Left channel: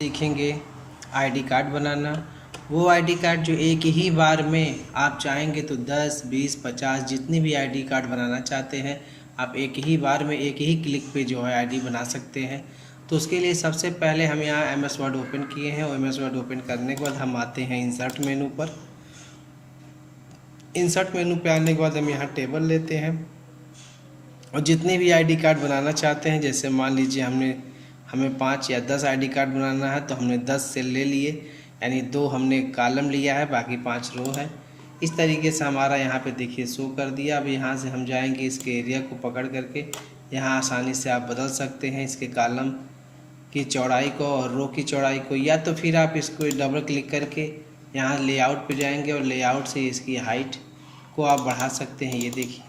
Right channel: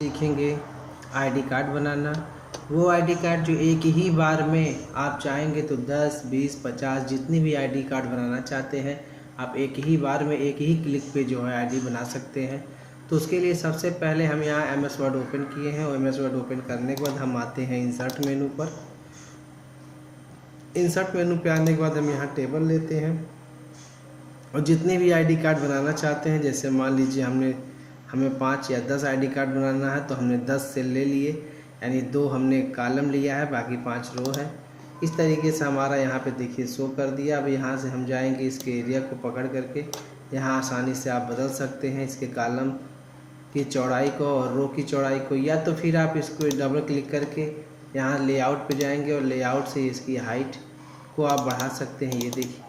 सीखेंगे ID card बनाना। वो ID card जो एक ही बार में आप चाहेंगे तो 10, 20, 50 जितनी भी आईडी कार्ड बनाना चाहते हैं आप एक ही बार में एक ही क्लिक पे जो है आईडी बना सकते हैं। तो उसके लिए सबसे पहले हम यहाँ एमएस वर्ड ओपन किए हैं और एमएस वर्ड ओपन करने के बाद हम आते हैं इंसर्ट मेनू पर। इंसर्ट मेनू पे आने के बाद हम यहाँ टेबल लेते हैं और जितने भी आईडी कार्ड बनाना चाहते हैं, जैसे मान लीजिए हमें 5 या 10 आईडी कार्ड बनाना है तो हमने 10 सेल ले लिए, यानी 2 हमने कॉलम लिया है, बाकी 5 रो है। इस तरीके से हमारा यहाँ पे देखिए शो कर दिया। अब यहाँ से हम जाएंगे इसके एरिया को पकड़ करके, यहाँ आसानी से आप बदल सकते हैं इसके कॉलम की चौड़ाई को और रो की चौड़ाई को, या तो फिर आप इसको डबल क्लिक करके यहाँ लेआउट पे जाएंगे और लेआउट से इसकी हाइट को आप बढ़ा सकते हैं। ये देखिए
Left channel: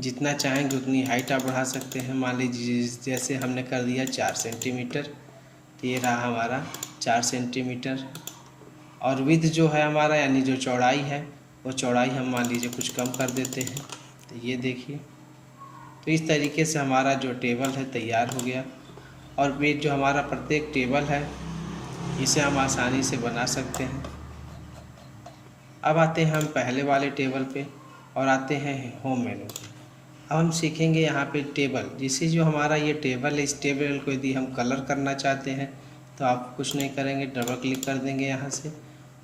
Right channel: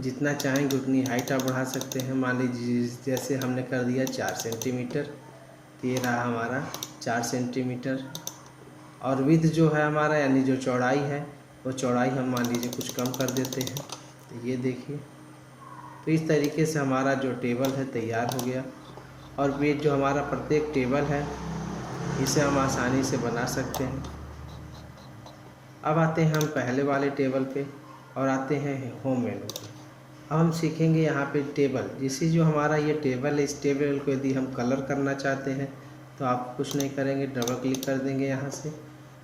जितना चाहेंगे उतनी हाइट आप बढ़ा सकते हैं। मान लीजिए जैसे हमने कर दिया 4 सेंटीमीटर, तो ये रहा हमारा 4 सेंटीमीटर। और विड्थ जो है हमारा यानी जो चौड़ाई है वो चौड़ाई हम मान लीजिए कुछ कम कर देते हैं। तो ये देखिए, तो इस तरीके से हमारा जो टेबल है तैयार हो गया। और ये जो हमारा प्रत्येक टेबल है इसे हम आसानी से बना सकते हैं। अब आते हैं हम पहले वाले टेबल पे और आते हैं होम मेनू पे। अब हम सीखेंगे यहाँ पे टेबल, जिससे जो हमारा ये टेबल है इस टेबल को यदि हम कलर करना चाहते हैं तो आप कुछ नहीं करेंगे, डबल क्लिक कर देंगे यहाँ से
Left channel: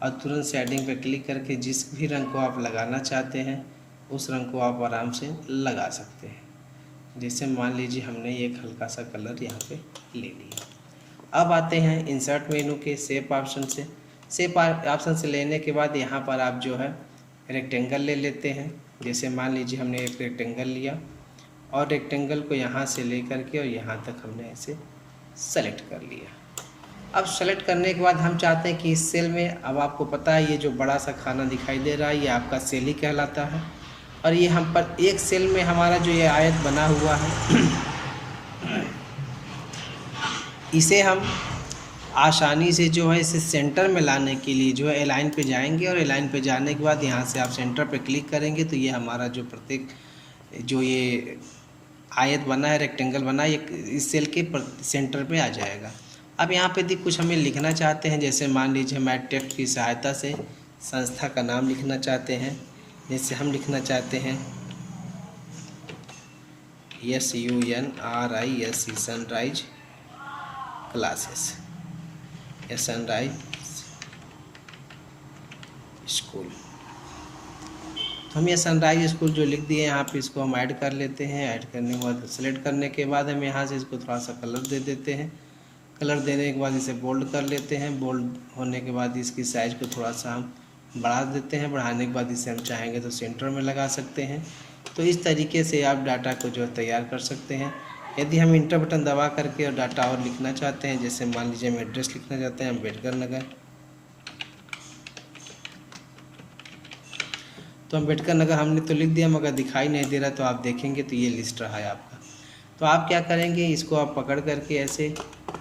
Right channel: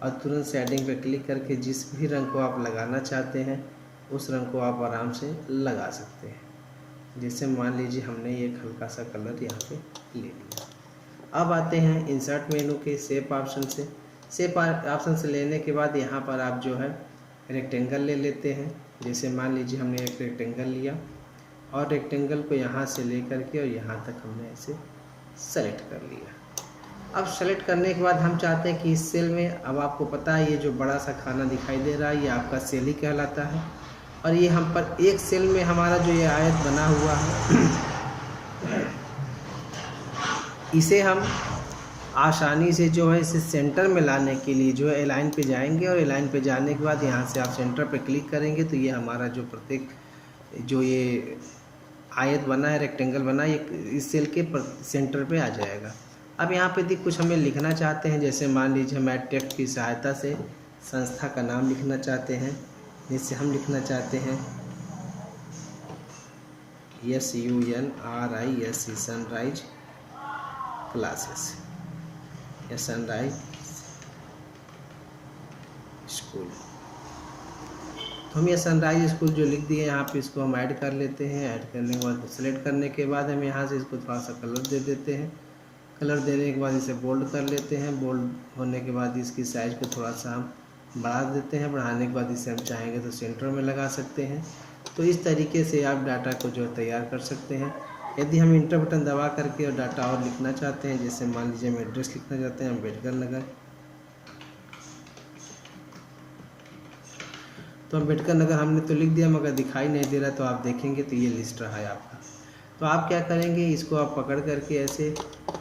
और तुरंत शेडिंग पे क्लिक करके जिस भी रंग को आप लगाना चाहते हैं उस रंग को आप आराम से लगा सकते हैं। जैसे मान लीजिए हमने एक हल्का सा कलर यहाँ पे ले लिया। अब आते हैं इंसर्ट मेनू के शेप ऑप्शन से। शेप ऑप्शन से लेने के बाद यहाँ पर आप जो है रेक्टेंगल ले लेते हैं। जैसे मान लीजिए हमने एक रेक्टेंगल लिया और रेक्टेंगल को यहाँ से ले करके और यहाँ तक हमने इसे सेलेक्ट कर लिया। अब सेलेक्ट करने के बाद हम चाहते हैं कि इस सेल में, अब आपको पता है ये जो बड़ा सा खाना दिखाई दे रहा है ये आपका सेल ही कहलाता है। और ये हम पर एक सेल में हमारा जो ये आयत बना हुआ है इसे हम आसानी से जो है इसे सेंटर में लाने के लिए जो है एलाइन पे जाएंगे और एलाइन पे जाने के बाद यहाँ से आप सेंटर पे क्लिक करेंगे तो ये हमारा जो प्रत्येक जो ये आयत बना है, रेक्टेंगल बना है, ये इस सेल के सेंटर पे आ जाएगा। अब यहाँ पे कुछ हमें लिखना चाहते हैं, जैसे मान लीजिए हम टेक्स्ट की सहायता से संस्था का नाम लिखना चाहते हैं। जैसे हम लिखना चाहते हैं SUNRISE सनराइज क्लासेस या सनराइज स्कूल। तो हम ये सनराइज स्कूल जो लिख दिए यहाँ पे इसको हम ऐड कर लेते हैं। ऐड करने के बाद सेलेक्ट करने के बाद हम यहाँ से इसको थोड़ा सा कलर दे देते हैं। कलर देने के बाद इसे बोल्ड कर लेते हैं। बोल्ड होने के बाद इसकी साइज़ को थोड़ा सा हम बढ़ा देते हैं। बढ़ाने के बाद इसे हम चाहेंगे तो सेंटर में लगा सकते हैं। तो इस तरीके से आप डाटा को जो तैयार कर सकते हैं। यदि हम इंटर बटन दबा करके और डाटा और लिखना चाहते हैं, जैसे मान लीजिए हम एड्रेस लिखना चाहते हैं अम्बेडकर नगर, तो अम्बेडकर नगर हमने तो लिख दिया मगर दिखाई नहीं दे रहा, तो आप देखेंगे तो ये लिस्ट रहा है आपका। तो आप क्या करेंगे, इसको आप पकड़ करके ऐसे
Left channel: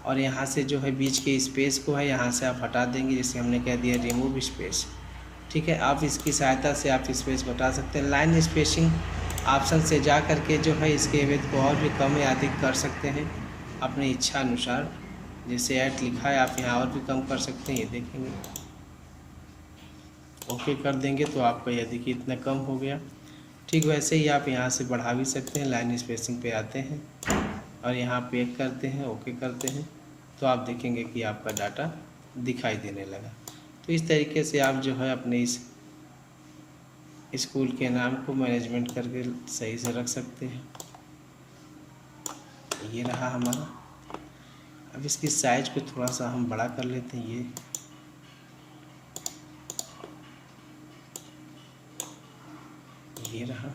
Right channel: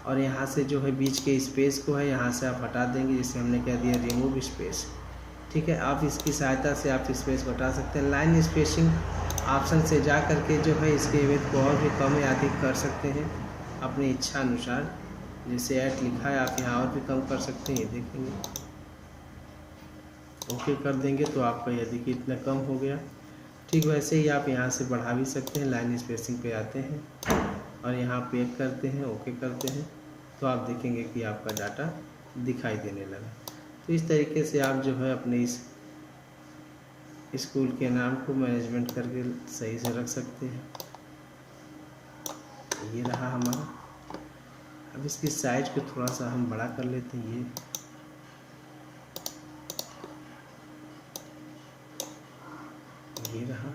और यहाँ से जो है बीच के स्पेस को है यहाँ से आप हटा देंगे। जैसे हमने कह दिया रिमूव स्पेस, ठीक है। आप इसकी सहायता से आप स्पेस को हटा सकते हैं। लाइन स्पेसिंग ऑप्शन से जा करके जो है इसके विड्थ को और भी कम या अधिक कर सकते हैं अपनी इच्छा अनुसार। जैसे ऐड लिखा है आप यहाँ और भी कम कर सकते हैं, ये देखेंगे। ओके कर देंगे तो आपका यह देखिए इतना कम हो गया। ठीक वैसे ही आप यहाँ से बढ़ा भी सकते हैं। लाइन स्पेसिंग पे आते हैं और यहाँ पे करते हैं, ओके करते हैं, तो आप देखेंगे कि आपका डाटा दिखाई देने लगा। तो इस तरीके से आप जो है अपने इस स्कूल के नाम को मैनेजमेंट करके सही से रख सकते हैं। ये रहा हमारा। अब इसकी साइज को थोड़ा सा हम बड़ा कर लेते हैं। ये रहा।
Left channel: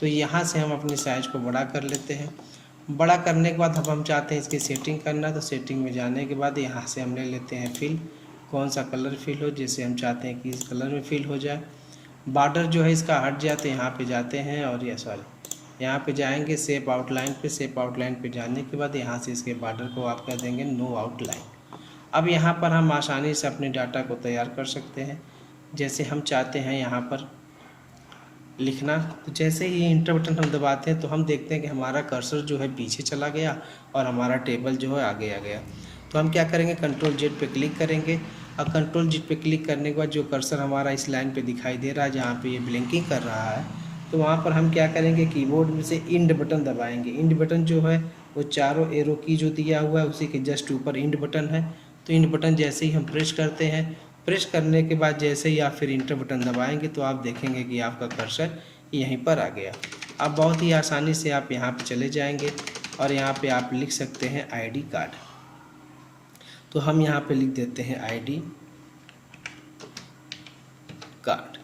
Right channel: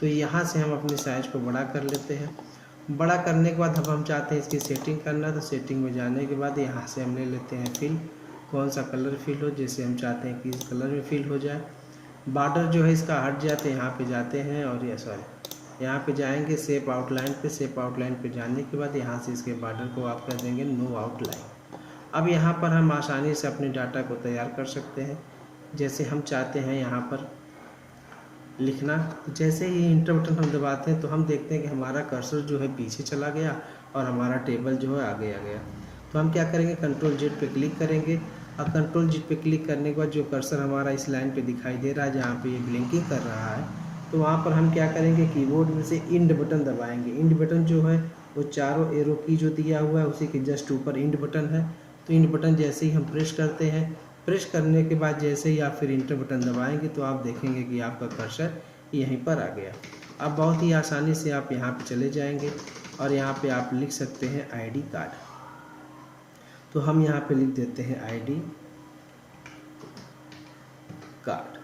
तो यहाँ से हम अपनी साइज को बड़ा कर लेते हैं। बड़ा करने के बाद अब हम चाहते हैं इसकी सेटिंग करना, तो सेटिंग में जाने के बाद यहाँ से हम ले लेते हैं फिल, कौन सा कलर फिल हो। जैसे हम चाहते हैं कि इस कलर में फिल हो जाए। बॉर्डर जो है इसका हट जाए तो यहाँ पे जाते हैं और ये यहाँ पे जाएंगे शेप आउटलाइन पे। शेप आउटलाइन पे जाने के बाद यहाँ से इसके बॉर्डर को आप कर देंगे नो आउटलाइन। अब यहाँ पर हम आसानी से अपने डाटा को तैयार कर सकते हैं। जैसे हम चाहते हैं यहाँ पर लिखना। तो जैसे ही इंटर बटन हम दबाते हैं तो हम देखते हैं कि हमारा कर्सर जो है पीछे चला गया और हमारा टेबल जो है आगे आ गया। तो हम क्या करेंगे, कंट्रोल जेड पे क्लिक करेंगे। अब कंट्रोल जेड पे क्लिक करने के बाद जो कर्सर हमारा इस लाइन पे दिखाई दे रहा है जहाँ पे ये ब्लिंकिंग कर रहा है, तो वहाँ पर हम क्या करेंगे, कीबोर्ड में से इंड बटन दबाएंगे। इंड बटन जो है वो चारों एरो की जो दिया हुआ है उसी के जस्ट ऊपर इंड बटन है। तो इंड बटन जैसे ही हम प्रेस करते हैं, प्रेस करने के बाद जैसे ही आप फिर इंटर बटन दबाएंगे तो आप देखेंगे कि आपका कर्सर यहीं पर आ गया। अब बहुत ही आसानी से आप यहाँ पे चले जाएंगे और यहाँ पे आप लिख सकते हैं आईडी कार्ड। तो हम यहाँ पे लिख देते हैं आईडी कार्ड।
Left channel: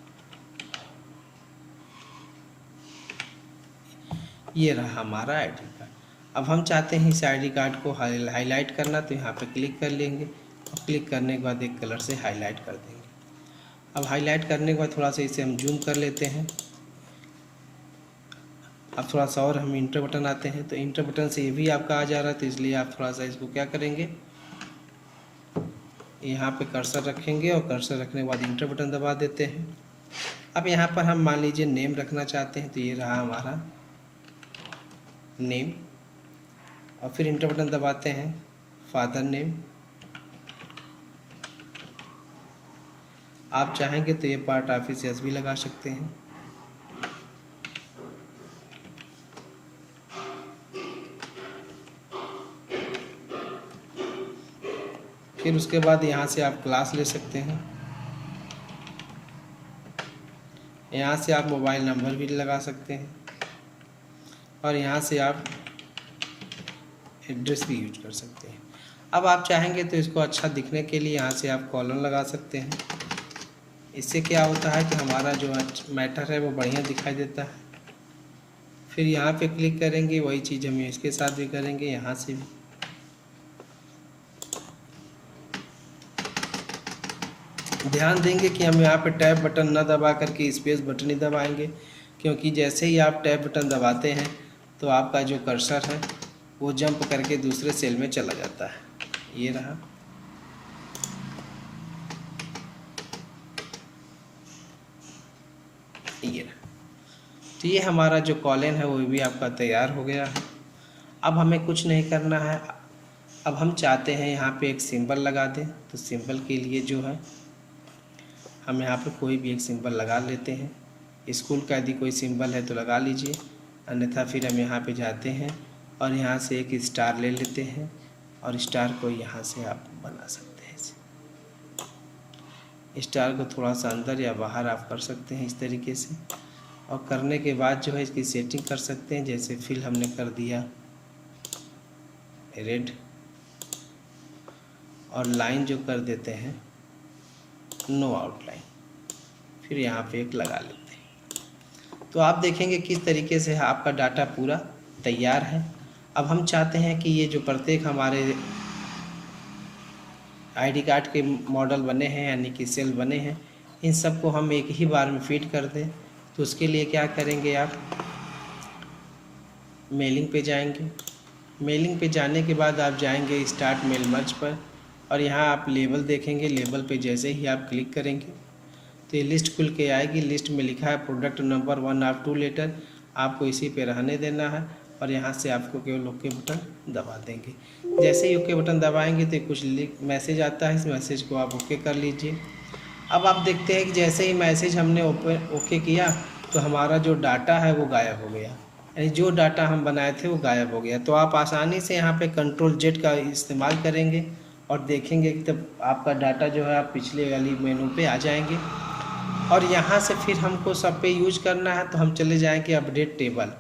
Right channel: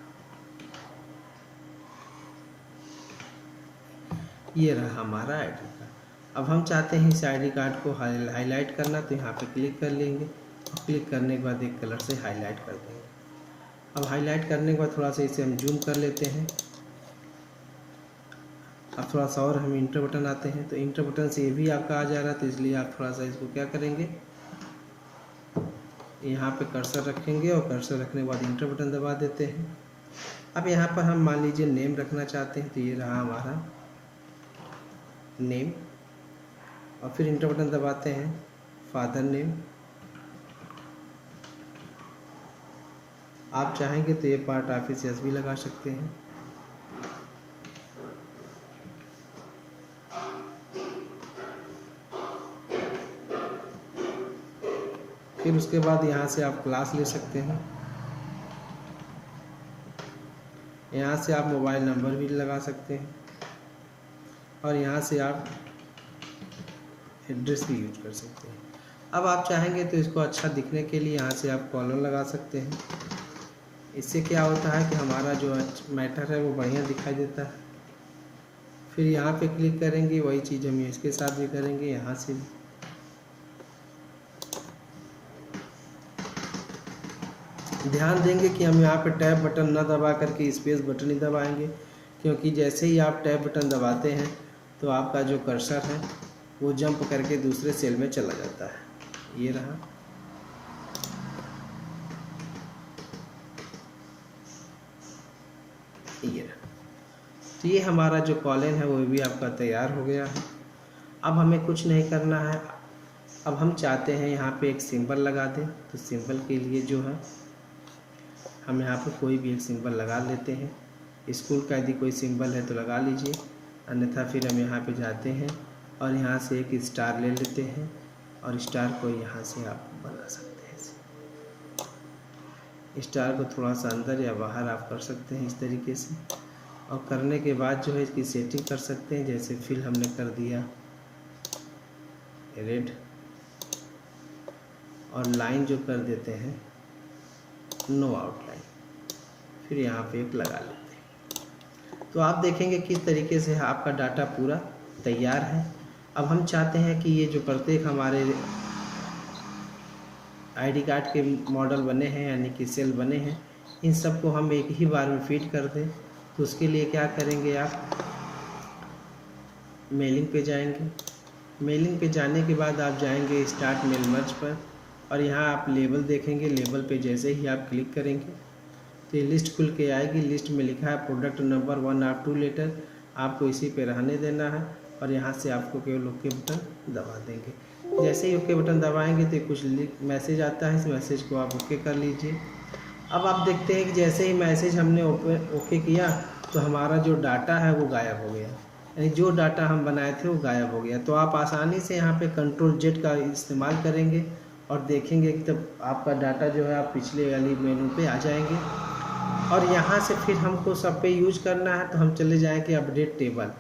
ये रहा हमारा आईडी कार्ड। अब हम चाहते हैं इस आईडी कार्ड को हाईलाइट करना, तो यहाँ पे क्लिक कर लेंगे और क्लिक करने के बाद एक कलर से हाईलाइट कर देंगे। अब हाईलाइट करने के बाद थोड़ा सा इसे हम जूम कर लेते हैं। अब थोड़ा सा और हम इंटर बटन आते हैं, तो इंटर बटन से ये भी आपका आ जा रहा है, तो इसलिए आप थोड़ा सा इसको क्या करेंगे, यहाँ पे कर्सर रखेंगे और कर्सर रखने के बाद इंटर बटन दबा देते हैं। अब यहाँ पर हम मान लीजिए नेम रखना चाहते हैं, तो ये रहा हमारा नेम और फिर इंटर बटन दबाते हैं, फादर नेम। आप चाहेंगे तो ये पार्ट ऑफिस एस भी लगा सकते हैं। फिर उसके बाद यहाँ से आप क्लास ले सकते हैं। यहाँ से आप मोबाइल नंबर भी लगा सकते हैं और यहाँ से आप एड्रेस भी यूज कर सकते हैं। अब आप चाहेंगे तो इसको अच्छा दिखने के लिए यहाँ से आप कॉलर लगा सकते हैं। इससे क्या होता है कि हमारा जो मैटर है वो बढ़िया दिखाई देता है। फिर यहाँ पे क्लिक करेंगे, वही चीज़ हम इसके साथ भी करेंगे, यहाँ से भी। ध्यान देंगे कि हम यहाँ पे टैब बटन ना दबा करके स्पेस बटन ही दबाएंगे, क्योंकि जैसे ही आप टैब बटन दबाते हैं तो आपका जो कर्सर है वो जंप करके दूसरे सेल में चला जाता है। ये रहा। ये रहा। तो ये हमारा जो कॉलन है वो भी आपका तैयार हो गया है। अब हमें कुछ नहीं करना है। अब हम चाहते हैं यहाँ पे एक सिंबल लगा दें, तो सिंबल के लिए जो है हम यहाँ पे कोई भी एक सिंबल लगा लेते हैं। स्कूल का यदि कोई सिंबल है तो लगा लीजिए, अन्यथा फिर हम यहाँ पे जाते हैं और यहाँ से एक स्टार ले लेते हैं और स्टार को यहाँ से आप बना सकते हैं। स्टार को थोड़ा सा अंदर या बाहर आप कर सकते हैं इस तरीके से, और करने के बाद जो है इसकी सेटिंग कर सकते हैं। जैसे फिल हमने कर दिया रेड और लाइन जो कर देते हैं नो आउटलाइन, फिर यहाँ पे एक लगा लेते हैं। तो आप देखेंगे किस तरीके से आपका डाटा पूरा तैयार है। अब हम चाहते हैं कि ये जो प्रत्येक हमारे आईडी कार्ड के मॉडल बने हैं यानी कि सेल बने हैं, इन सब को हम एक ही बार में फीड कर दें। तो उसके लिए क्या करेंगे, आप मेलिंग पे जाएंगे। मेलिंग पे जाने के बाद आप जाएंगे स्टार्ट मेल मर्ज पर और यहाँ आप लेबल देखेंगे। लेबल पे जैसे ही आप क्लिक करेंगे तो ये लिस्ट खुल के आएगी। लिस्ट में लिखा है प्रोडक्ट नंबर 1 और 2 लेटर, आपको इसी पे रहने देना है और यहाँ से आपको केवल ओके बटन दबा देंगे। जैसे ही ओके बटन दबाएंगे तो कुछ मैसेज आता है, इस मैसेज को आप ओके कर लीजिए। अब आप देखते हैं कि जैसे ही मैसेज हमने ओके किया तो हमारा जो डाटा है वो गायब हो गया, यानी जो डाटा हम बनाए थे वो गायब हो गया। तो आप आसानी से यहाँ पे कंट्रोल जेड का इस्तेमाल करेंगे और देखेंगे कि तब आपका डाटा जो है आप पिछले वाली मेनू पे आ जाएंगे। और यहाँ से फिर हमको सब पे यूज करना है तो हम चले जाएंगे अपडेट टेबल।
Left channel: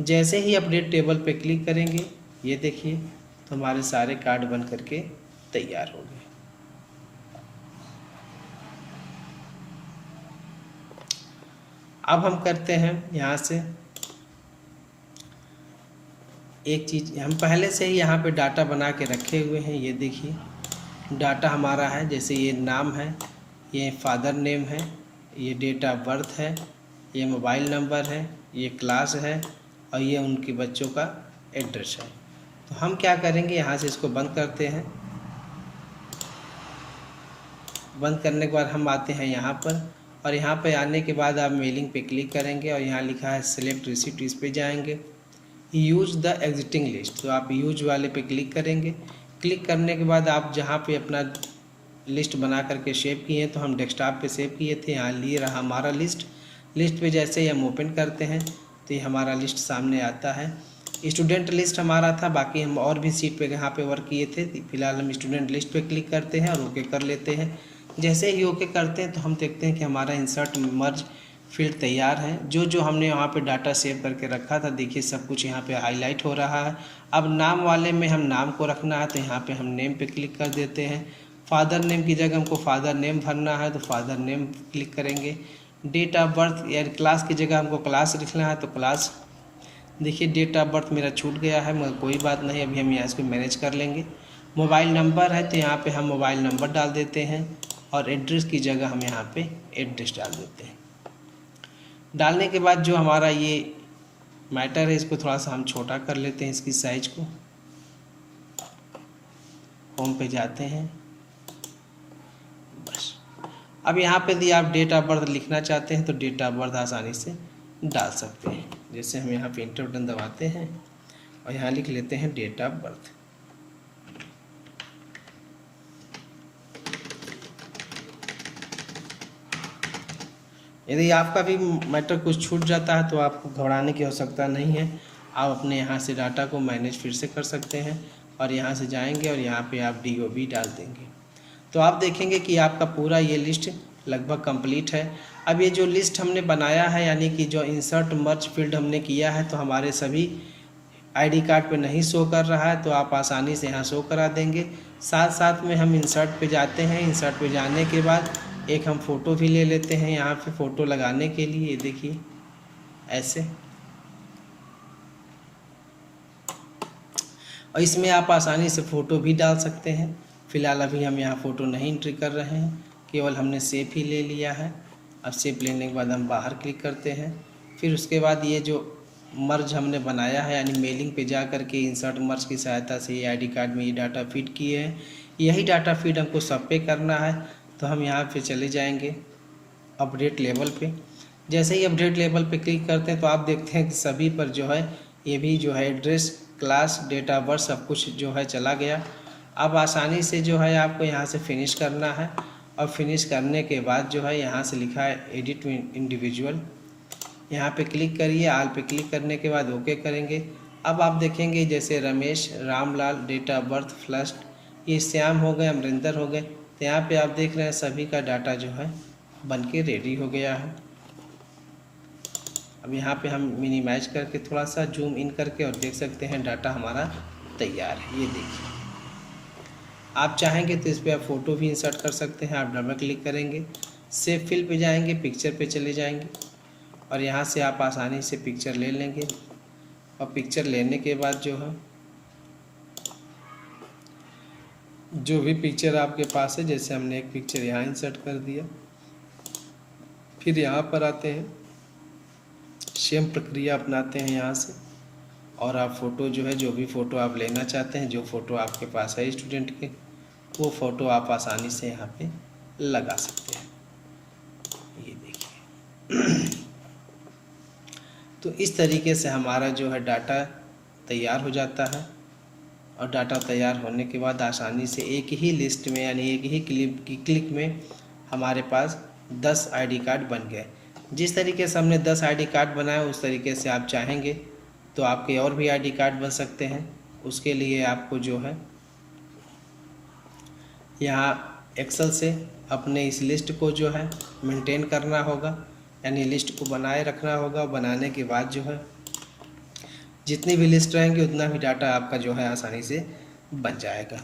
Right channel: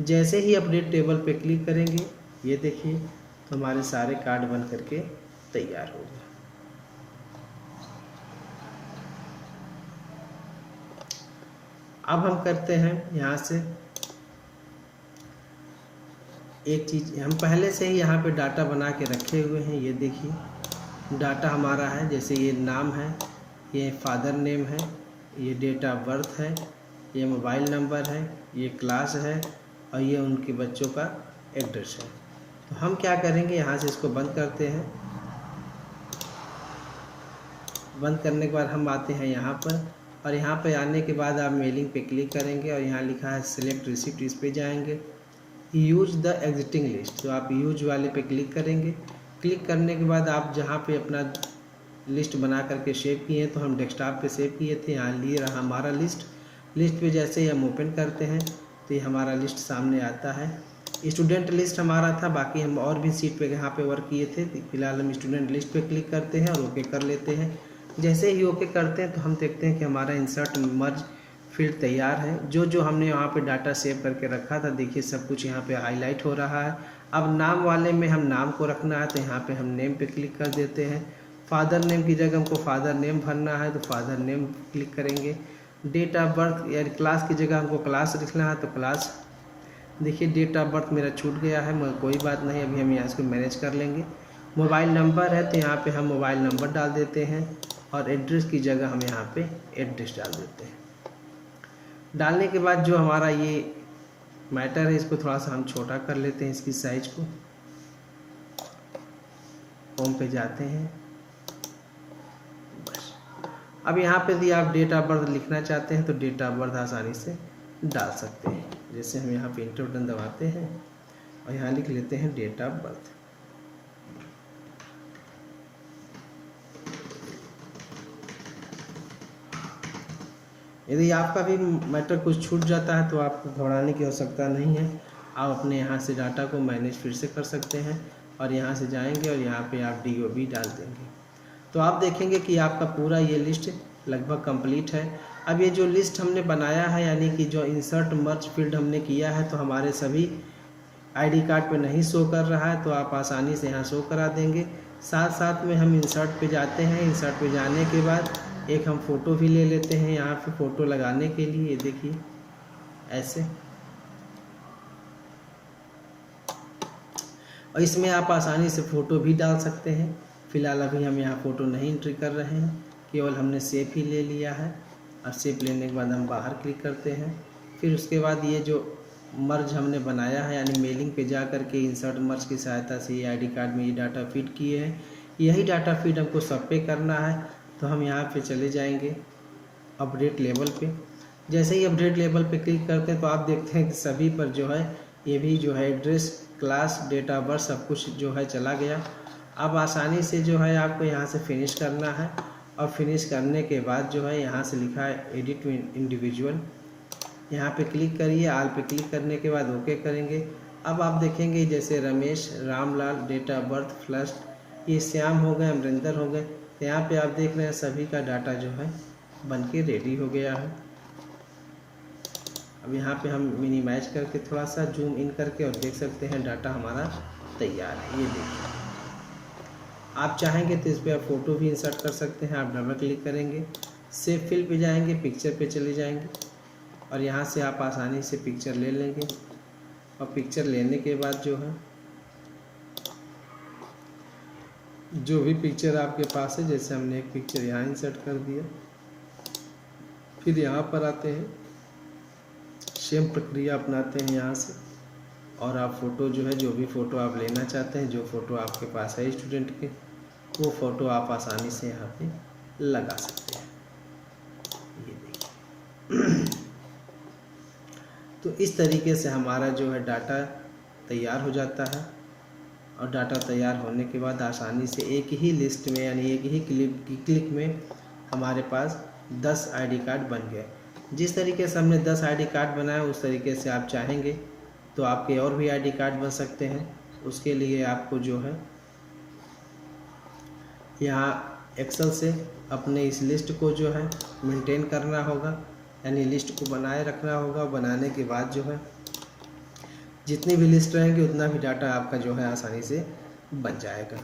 जैसे ही अपडेट टेबल पे क्लिक करेंगे, ये देखिए तो हमारे सारे कार्ड बन करके तैयार हो गए। अब हम करते हैं यहाँ से एक चीज़, हम पहले से ही यहाँ पे डाटा बना के रखे हुए हैं। ये देखिए डाटा हमारा है, जैसे ये नाम है, ये फादर नेम है, ये डेट ऑफ बर्थ है, ये मोबाइल नंबर है, ये क्लास है और ये उनके बच्चों का एड्रेस है। तो हम क्या करेंगे, यहाँ से इसको बंद करते हैं। बंद करने के बाद हम आते हैं यहाँ पर और यहाँ पे आने के बाद आप मेलिंग पे क्लिक करेंगे और यहाँ लिखा है सेलेक्ट रिसिप्ट, इस पे जाएंगे। यूज़ द एग्जिटिंग लिस्ट, तो आप यूज वाले पे क्लिक करेंगे। क्लिक करने के बाद आप जहाँ पे अपना लिस्ट बना करके सेव किए हैं, तो हम डेस्कटॉप पे सेव किए थे, यहाँ लिए रहा हमारा लिस्ट पे जैसे ही हम ओपन करते हैं तो ये हमारा लिस्ट सामने आता है। स्टूडेंट लिस्ट हमारा था, बाकी हम और भी सीट पे यहाँ पे वर्क किए थे। फिलहाल हम स्टूडेंट लिस्ट पे क्लिक करते हैं और ओके कर लेते हैं। जैसे ही ओके करते हैं तो हम देखते हैं कि हमारा इंसर्ट मर्ज फील्ड तैयार है। जो हमने वहाँ पे डाटा सेव करके रखा था, देखिए सब कुछ यहाँ पे हाईलाइट हो रहा है। अब नाम वाले में हम नाम को रखना है, तो यहाँ पे हम नेम पे क्लिक कर देते हैं। फादर नेम की जगह हमको फादर नेम भरना है, तो फादर नेम क्लिक करेंगे। डेट ऑफ बर्थ या क्लास की जगह हमको क्लास लिखना है, तो क्लास। देखिए डेट ऑफ बर्थ मेरा छूट गया है, मगर कोई बात नहीं, अभी हम यहाँ इसको मैनेज कर लेंगे। मोबाइल नंबर है, तो यहाँ पे हम मोबाइल नंबर डाल देते हैं और एड्रेस की जगह हम यहाँ पे एड्रेस डाल देते हैं। डालने के बाद जो हमारा ये मैटर है, इसको थोड़ा सा हम छोटा कर लेते हैं, इसकी साइज को। होम पे जाते हैं, बस। अब यहाँ पे यदि आप डेट ऑफ बर्थ लिखना चाहते हैं तो डेट ऑफ बर्थ आसानी से डाल सकते हैं। जैसे हम यहाँ पे इंटर बटन दबाते हैं और यहाँ लिख लेते हैं डेट ऑफ बर्थ। यदि आपका भी मैटर कुछ छूट जाता है तो आपको घबराने की आवश्यकता नहीं है। आप अपने यहाँ से डाटा को मैनेज फिर से कर सकते हैं और यहाँ से जाएंगे और यहाँ पे आप DOB डाल देंगे, तो आप देखेंगे कि आपका पूरा ये लिस्ट लगभग कंप्लीट है। अब ये जो लिस्ट हमने बनाया है, यानी कि जो इंसर्ट मर्ज फील्ड हमने किया है, तो हमारे सभी ID कार्ड पे नहीं शो कर रहा है, तो आप आसानी से यहाँ शो करा देंगे। साथ साथ में हम इंसर्ट पे जाते हैं। इंसर्ट पे जाने के बाद एक हम फ़ोटो भी ले लेते हैं यहाँ पे फ़ोटो लगाने के लिए। देखिए ऐसे, और इसमें आप आसानी से फ़ोटो भी डाल सकते हैं। फ़िलहाल अभी हम यहाँ फ़ोटो नहीं एंट्री कर रहे हैं, केवल हमने सेव ही ले लिया है। अब सेव लेने के बाद हम बाहर क्लिक करते हैं। फिर उसके बाद ये जो मर्ज हमने बनाया है, यानी मेलिंग पे जा कर के इंसर्ट मर्ज की सहायता से ये ID कार्ड में ये डाटा फीड किए हैं, यही डाटा फीड हमको सब पे करना है। तो हम यहाँ पे चले जाएंगे अपडेट लेवल पे। जैसे ही अपडेट लेवल पे क्लिक करते हैं तो आप देखते हैं कि सभी पर जो है ये भी जो है address, class, date of birth सब कुछ जो है चला गया। अब आसानी से जो है आपको यहाँ से फिनिश करना है, और फिनिश करने के बाद जो है यहाँ से लिखा है एडिट इंडिविजुअल, यहाँ पे क्लिक करिए। आल पे क्लिक करने के बाद ओके करेंगे। अब आप देखेंगे जैसे Ramesh, Ramlal, date of birth, first, ये श्याम हो गए, अमरिंदर हो गए। तो यहाँ पे आप देख रहे हैं सभी का डाटा जो है बन के रेडी हो गया है। अब यहाँ पे हम मिनिमाइज करके थोड़ा सा जूम इन करके और देख सकते हैं डाटा हमारा तैयार है। ये देखिए, आप चाहेंगे तो इस पर आप फ़ोटो भी इंसर्ट कर सकते हैं। आप डबल क्लिक करेंगे, सेव फिल पे जाएंगे, पिक्चर पे चले जाएंगे और यहाँ से आप आसानी से पिक्चर ले लेंगे। और पिक्चर लेने के बाद जो है जो भी पिक्चर आपके पास है, जैसे हमने एक पिक्चर यहाँ इंसर्ट कर दिया, फिर यहाँ पर आते हैं, सेम प्रक्रिया अपनाते हैं यहाँ से, और आप फ़ोटो जो है, जो भी फ़ोटो आप लेना चाहते हैं, जो फ़ोटो आपके पास है स्टूडेंट के, वो फ़ोटो आप आसानी से यहाँ पे लगा सकते हैं। ये देखिए तो इस तरीके से हमारा जो है डाटा तैयार हो जाता है। और डाटा तैयार होने के बाद आसानी से एक ही लिस्ट में, यानी एक ही क्लिक में हमारे पास 10 ID कार्ड बन गए। जिस तरीके से हमने 10 ID कार्ड बनाया, उस तरीके से आप चाहेंगे तो आपके और भी ID कार्ड बन सकते हैं। उसके लिए आपको जो है यहाँ एक्सेल से अपने इस लिस्ट को जो है मेंटेन करना होगा, यानी लिस्ट को बनाए रखना होगा। बनाने के बाद जो है जितनी भी लिस्ट रहेंगी उतना भी डाटा आपका जो है आसानी से बन जाएगा।